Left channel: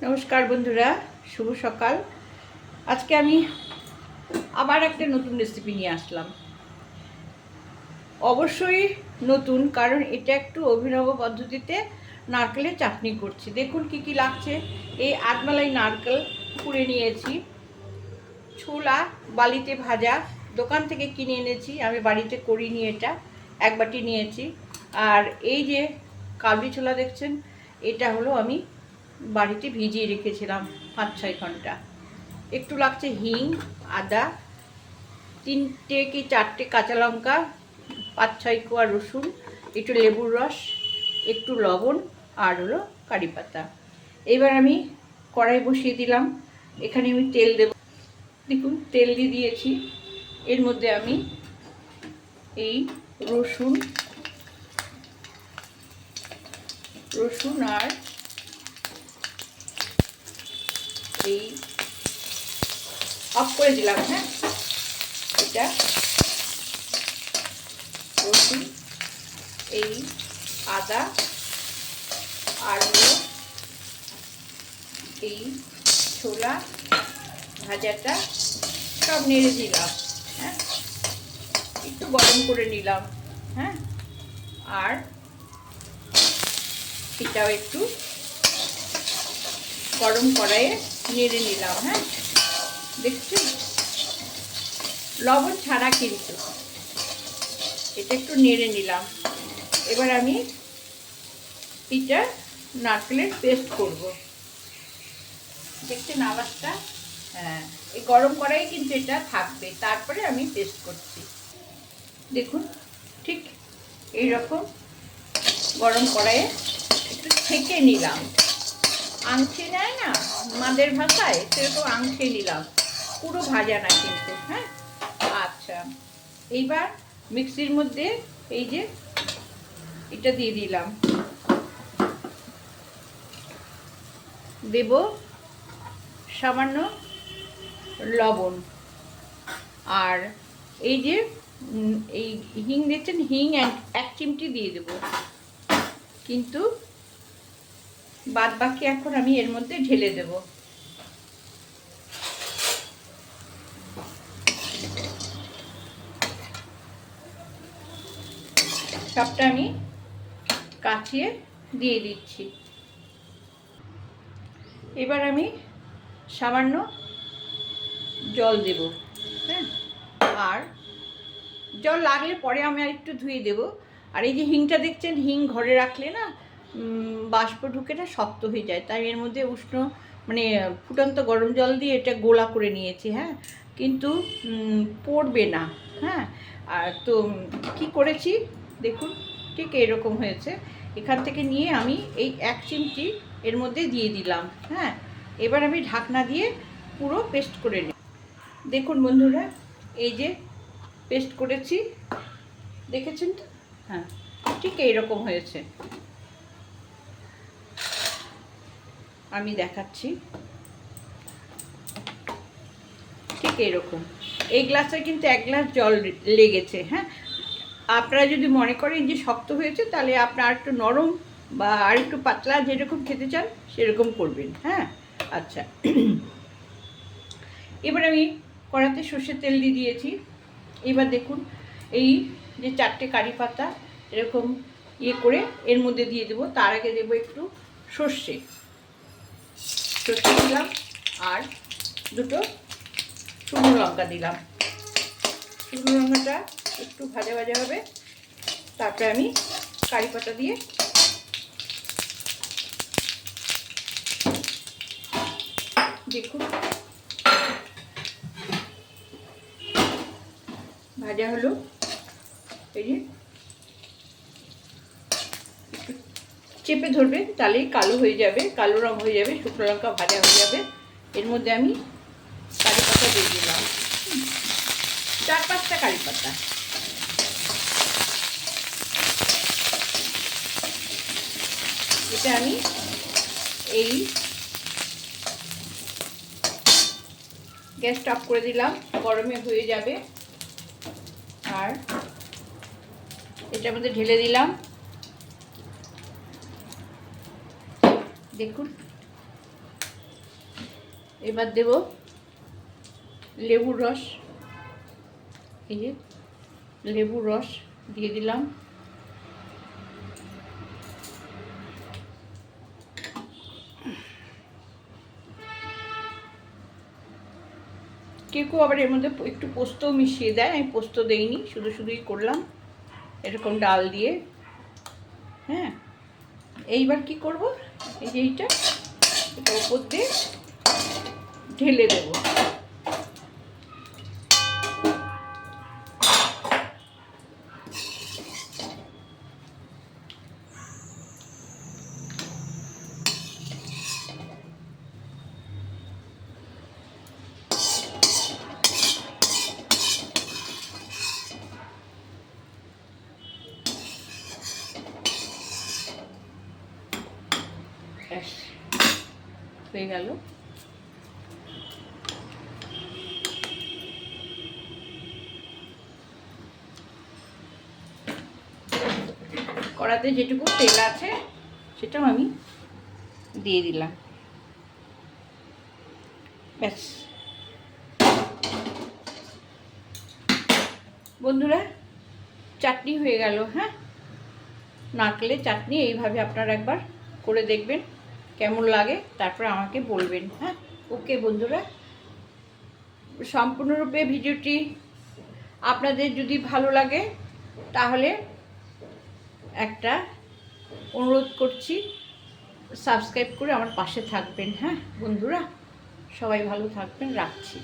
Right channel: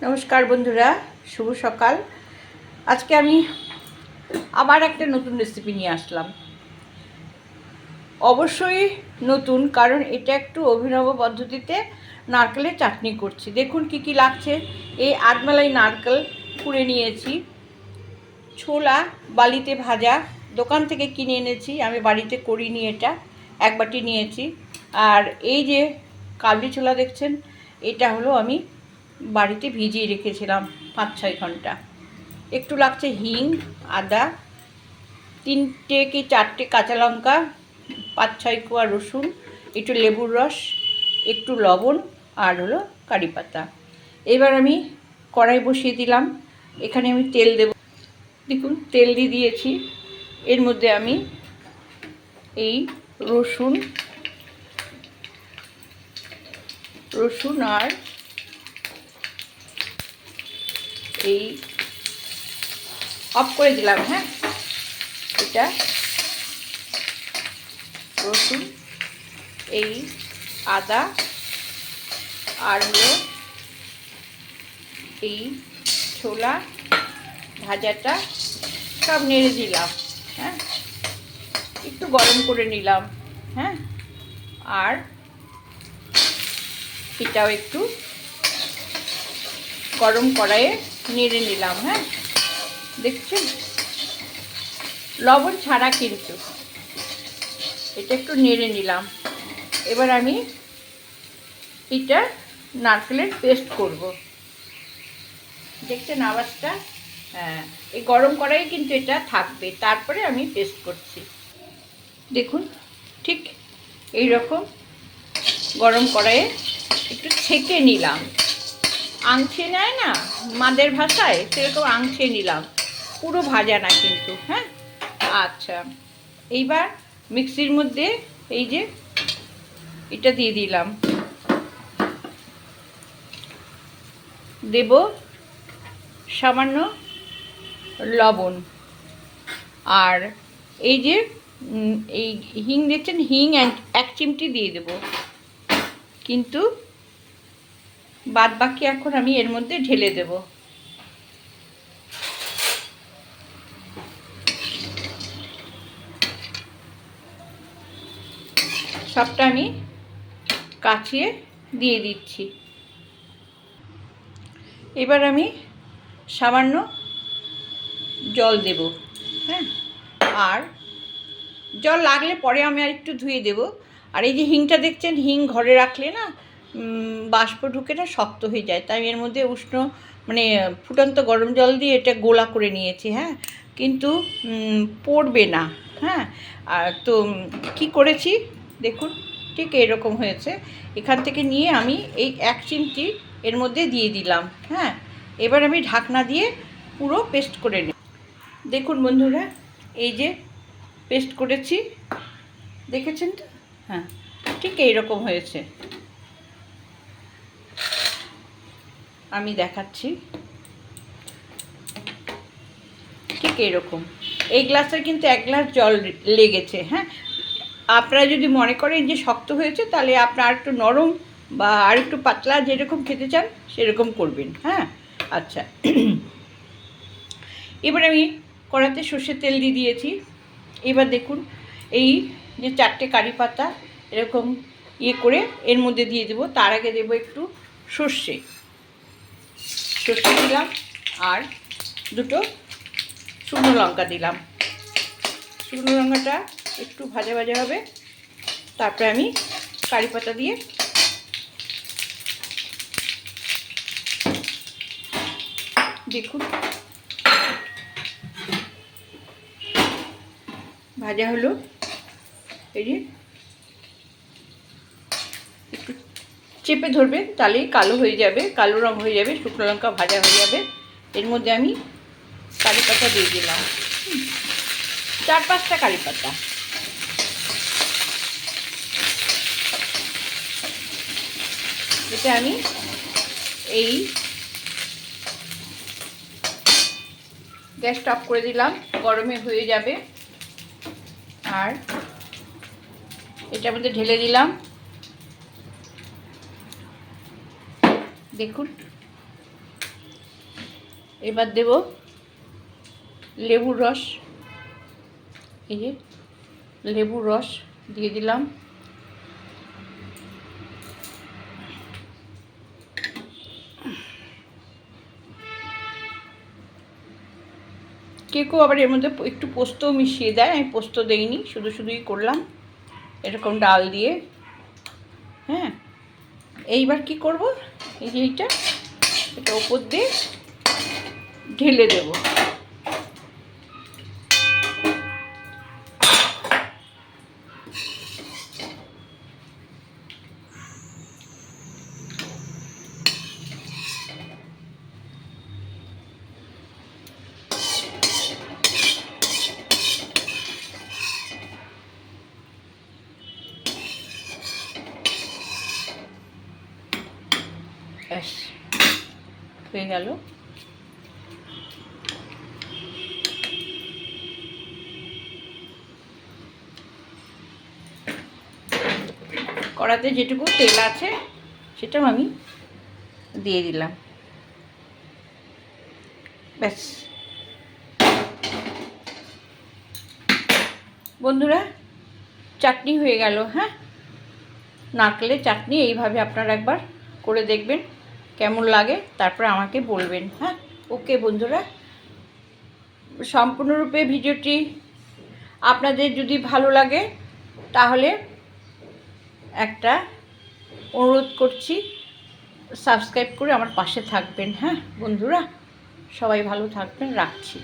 নমস্কার বন্ধুরা, শুভ সকাল। আজকে আমি আবার একটা নতুন রেসিপি নিয়ে আসলাম। অবশ্যই নতুন, কারণ এটা একটু অভিনব পদ্ধতিতে নারকেলের চাটনি করছি। দেখুন কি কি লাগছে। এই আটমালাই নারকেল কুড়ে নিয়েছি। ছোলা বালিতে ভাজা, দোকান থেকে কিনে এনেছি। আমি বাড়িতে করিনি এটা এক বাটি নিয়েছি। আর এই যে কাবলি ছোলা দেখছেন, এটা হলো আমি বাড়িতে ভিজিয়ে রেখেছিলাম পাঁচ ছয় ঘণ্টা। একটু লাগছে হিং, আদা, তিনটে কি চারটে কাঁচা লঙ্কা, পাঁচ ছয় কোয়া রসুন, একটু লেবুর রস, একটু লবণ আর হলো কারি পাতা। এবার আমি কড়াই বসিয়ে দিলাম। এখানে আমি তেল দেব। দেখুন, তেল দিয়ে দিয়েছি। এর মধ্যে আমি এই রসুন রসুন আর এই অফ করে দিলাম হ্যাঁ? এটা রসুন, এই আদা আর এই ছোলা, ভাজাটা সব নেড়ে দিলাম হ্যাঁ? একটু গরম করে নিলাম হ্যাঁ? আর এটাও একটু গরম কড়াইয়ে নেড়ে নিলাম হ্যাঁ? দেখছেন লবণ ছাড়া কিন্তু। এটা একটু নেড়ে নিলাম। এবার আমি এটা নারকেলের পেস্ট করব। দেখছেন আওয়াজটা? হ্যাঁ এই গরম কড়াই কিন্তু এটা থাকবে। তারপরে আমি পেস্ট করছি। দেখুন, ঠিক এই রকম গরম কড়াইয়ে একটু ছেঁকে নিলাম। আংছে নেয় না, মাদের ভাষায় সেরকম আংছে নিলাম। পুরো ভাজা না কিন্তু হ্যাঁ? আচ্ছা এইবার মিক্সির মধ্যে এই যে এটা দিয়ে দিলাম। দেব সামান্য লবণ। আর এই যে এই হিং দেখছেন হিং এক চিমটি দিয়ে দেব। কিন্তু বাদ বাকি এখন আমি এর মধ্যে ঢেলে দেব। সবটা আমি কাচিয়ে দিয়ে দিচ্ছি। এবার আমি সামান্য জল দেব হ্যাঁ? আর জল লাগলে পরে আমি আর একটু ধুয়ে দেব। আর এই যে হিংটা দেখছেন, হিং ঘরে রাখলে না বাষ্প ঢুকে না শক্ত হয়ে যায়। তাই এর মধ্যে উষ্ণ মানে ফুটন্ত গরম জল দিয়ে এটা গোলা করে নিয়েছি হ্যাঁ? কিন্তু পড়বে না হ্যাঁ? আর তো কি করেছি? দেখুন, ঠিক এরকম হয়েছে। এখান থেকে নিয়ে আমি এই এক চিমটি এর মধ্যে দিয়ে দিলাম হ্যাঁ? এবার আমি ঢাকনা দিয়ে পুরো পেস্ট করে নিই। দেখুন বন্ধুরা, এই যে পেস্ট করেছি, দেখেছেন তো? হ্যাঁ ঠিক এইরকম হয়েছে। আমি দেখাচ্ছি। ঠিক এরকম। এই গ্লাসে কিন্তু এক গ্লাস জল লেগেছে হ্যাঁ? আপনারা যদি মনে করেন যে শক্ত হয়েছে, তাহলে আপনার একটু নরম বা আর একটু পাতলা যেরকম খেতে চান, সেরকম করবেন হ্যাঁ? আচ্ছা। এবার আমি কড়াতে সর্ষের তেল দিয়ে দিয়েছি। এবার দেখুন, এই যে চারটে কারি পাতা এরকম ইয়ে করে এর মধ্যে দিয়ে দেবো। তার আগে দেবো একটু সর্ষে। সর্ষে দিলাম আর দুটো শুকনো লঙ্কা দিলাম। শুকনো লঙ্কাটা একটু ভাজা ভাজা হবে। তারপরে আমি কারি পাতা দিয়ে দেখুন। ভাজা হলো। এই যে একটু চেপে ধরবে তাহলেই কালো হয়ে যাবে, কালো রং হয়ে যাবে, শুকনো লঙ্কা ভাজা হয়ে যাবে। এর মধ্যে আমি কারি পাতা দিয়ে দিলাম। চার পাঁচটা কারি পাতা। এটা আমি এই গ্যাসটা অফ করে দিলাম, গরমে হয়ে যাবে। আর এটার মধ্যে ঢেলে দিলাম। দেখুন। এবার দেব লেবুর রস। এই যে লেবুর রস দিয়ে দিলাম। কেউ আবার এর মধ্যে একটু পোস্তও মিশিয়ে দেয়, আমি পোস্ত দেইনি, শুধু শুধুই করলাম। এরকম ডাল দিয়ে। হ্যাঁ? এইবার কি করব? এই যে এইটা এটা ওপর দিয়ে ঢেলে দেব। ব্যাস হয়ে গেল। কড়াতে যেটুকু তেল আছে, সেটাও আমি দিয়ে দিলাম। ব্যাস। বন্ধুরা, চাটনি হয়ে গেল হ্যাঁ? নারকেলের চাটনি এইভাবে আপনারা একবার করে দেখবেন। কেমন লাগে, তারপরে আমাকে বলবেন হ্যাঁ? ওকে বন্ধুরা, সম্পূর্ণরূপে ভিডিওটি আপনাদের যদি ভালো লাগে, তাহলে একটা অনুরোধ করছি, সাবস্ক্রাইব করে আমার পাশে থাকবেন হ্যাঁ? বন্ধুরা, সবাই ভালো থাকবেন, রাখছি।